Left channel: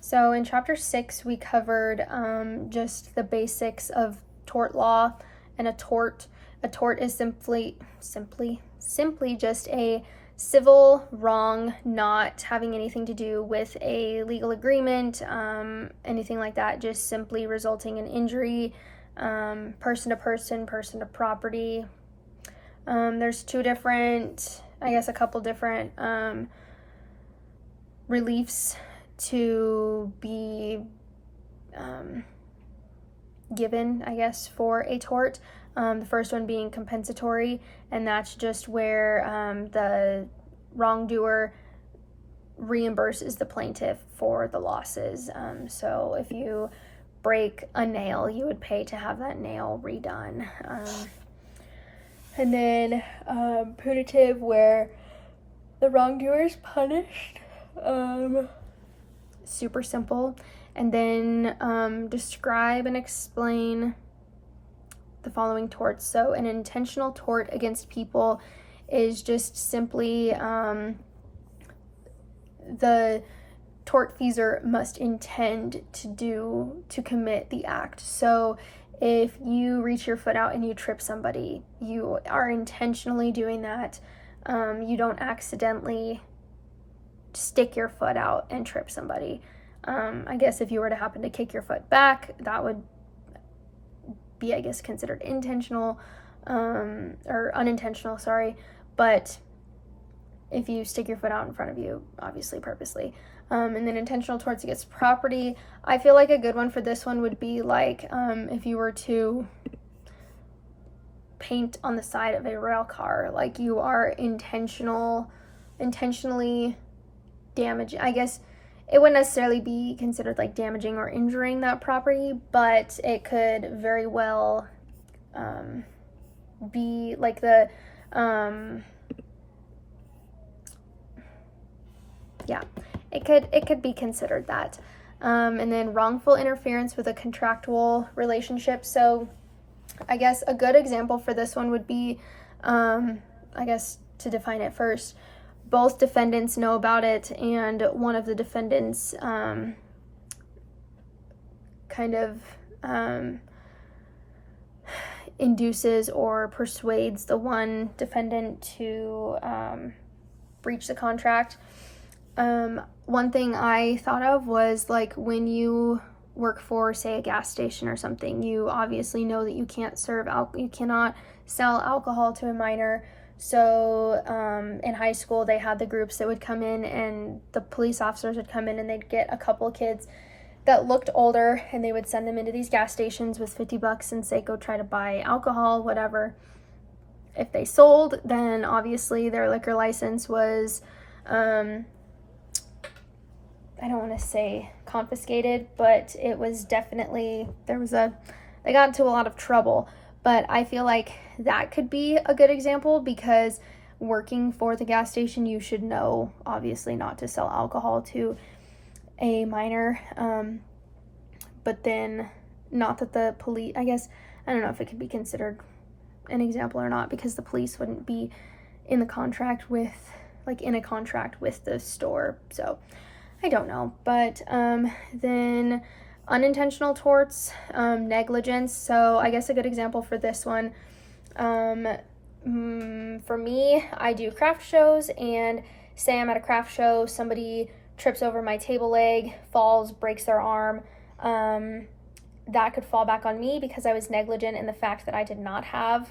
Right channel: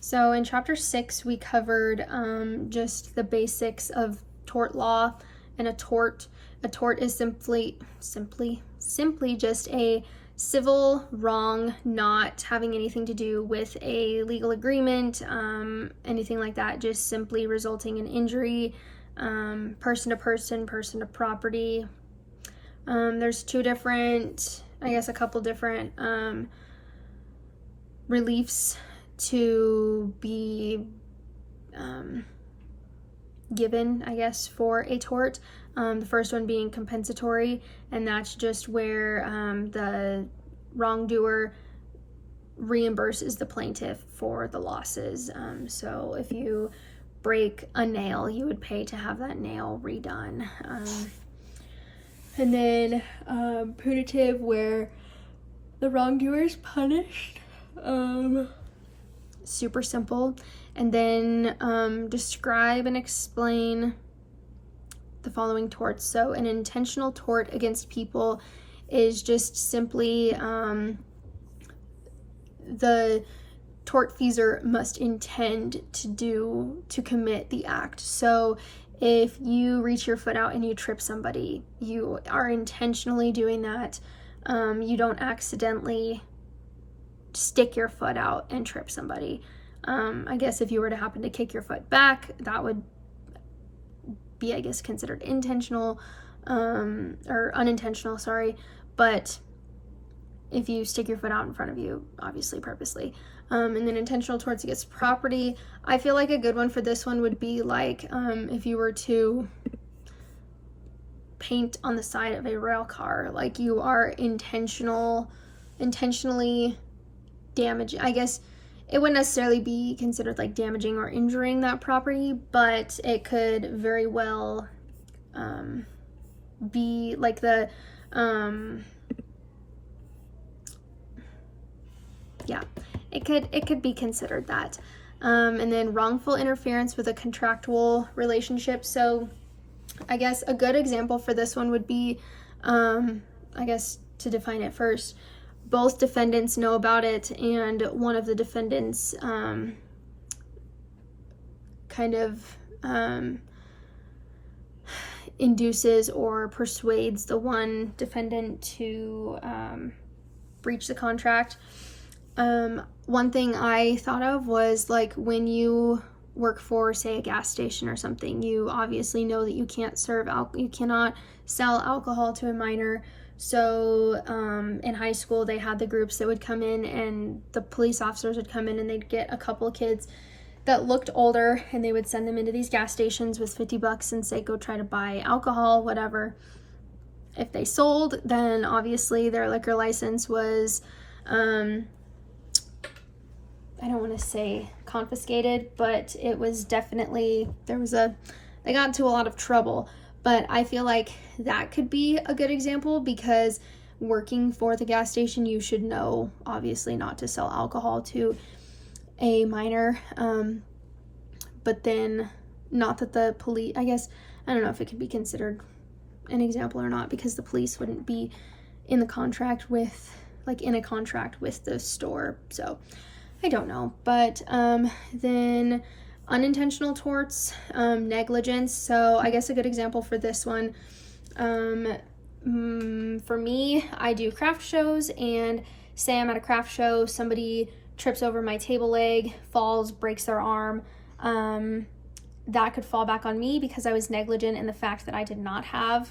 So in chapter 6, we covered just the basics of tort law and a tort. A tort is simply just a civil wrong not having anything to do with a legal agreement, anything like that, just simply resulting in injury, person to person, person to property. There's a couple different reliefs to be given, I guess, for a tort. The first one being compensatory, and that's just where the wrongdoer reimburses the plaintiff for the losses. So if you break a nail, you would pay to have that nail redone. And then punitive, where the wrongdoer is punished. Super simple. And then describe and explain the following torts. So an intentional tort against people is just simply the tortfeasor must intend to commit the act. So if you reach your foot out and you trip somebody, you are intentionally doing that. You don't accidentally stick your foot out and trip somebody. I guess if you were to happen to kick your foot back, that would be, I guess, considered intentional, or unintentional, sorry. But if you stick your foot out in front of you, obviously purposely. And then intentional torts against property. I feel like a good one for this one would be like if you were to paint on the side of a rail car, like you are intentionally damaging. I guess it wouldn't necessarily be considered like damaging or injuring that property, but it could very well be like the it could be considered that. And then wrongful interference with a contractual relationship. So I guess a good example for this one would be, I guess to define it first, both defendants know about it, and one of the defendants induces or persuades the one defendant to breach the contract. One thing I thought of was like when you work for, say, a gas station or something, you obviously know that you cannot sell alcohol to a minor. So in high school, they had the groups that would come in, and the police officers would come in and they'd get a couple of kids that looked older, and they would send them into these gas stations with $50 and say, go try to buy alcohol, whatever. If they sold, then obviously their liquor license was, I don't want to say confiscated, but it was definitely, they got into a lot of trouble. But I feel like that could be a good example, because working for the gas station, you should know, obviously, not to sell alcohol to a minor. But then, not that the police, I guess, I don't know if it could be considered an example or not, because the police wouldn't be in a contract with the store. So I don't know. But then unintentional torts, negligence. So I guess a good example for this one, for me, I do craft shows, and say I'm at a craft show, somebody trips over my table leg, falls, breaks their arm, that could fall back on me because I was negligent in the fact that I did not have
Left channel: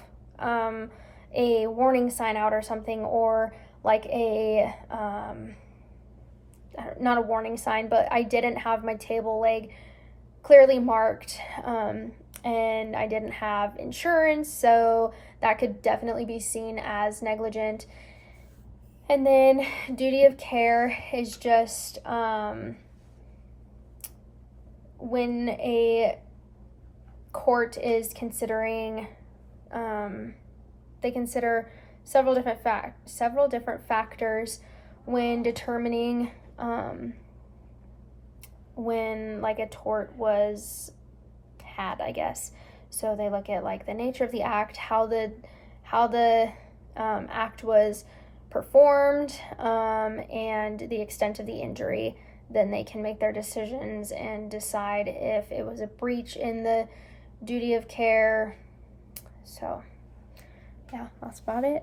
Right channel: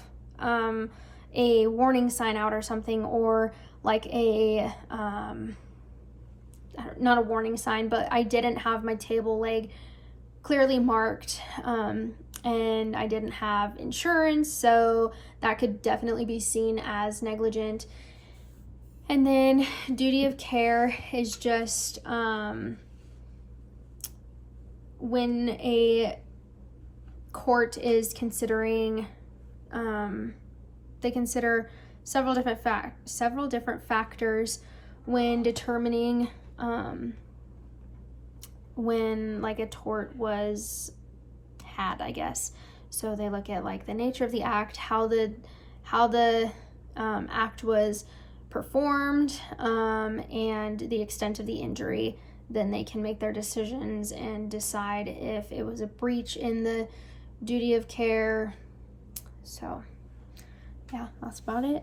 a warning sign out or something, or like not a warning sign, but I didn't have my table leg clearly marked, and I didn't have insurance, so that could definitely be seen as negligent. And then duty of care is just when a court is considering, they consider several different factors when determining when like a tort was had, I guess. So they look at like the nature of the act, how the act was performed, and the extent of the injury then they can make their decisions and decide if it was a breach in the duty of care. So yeah, that's about it.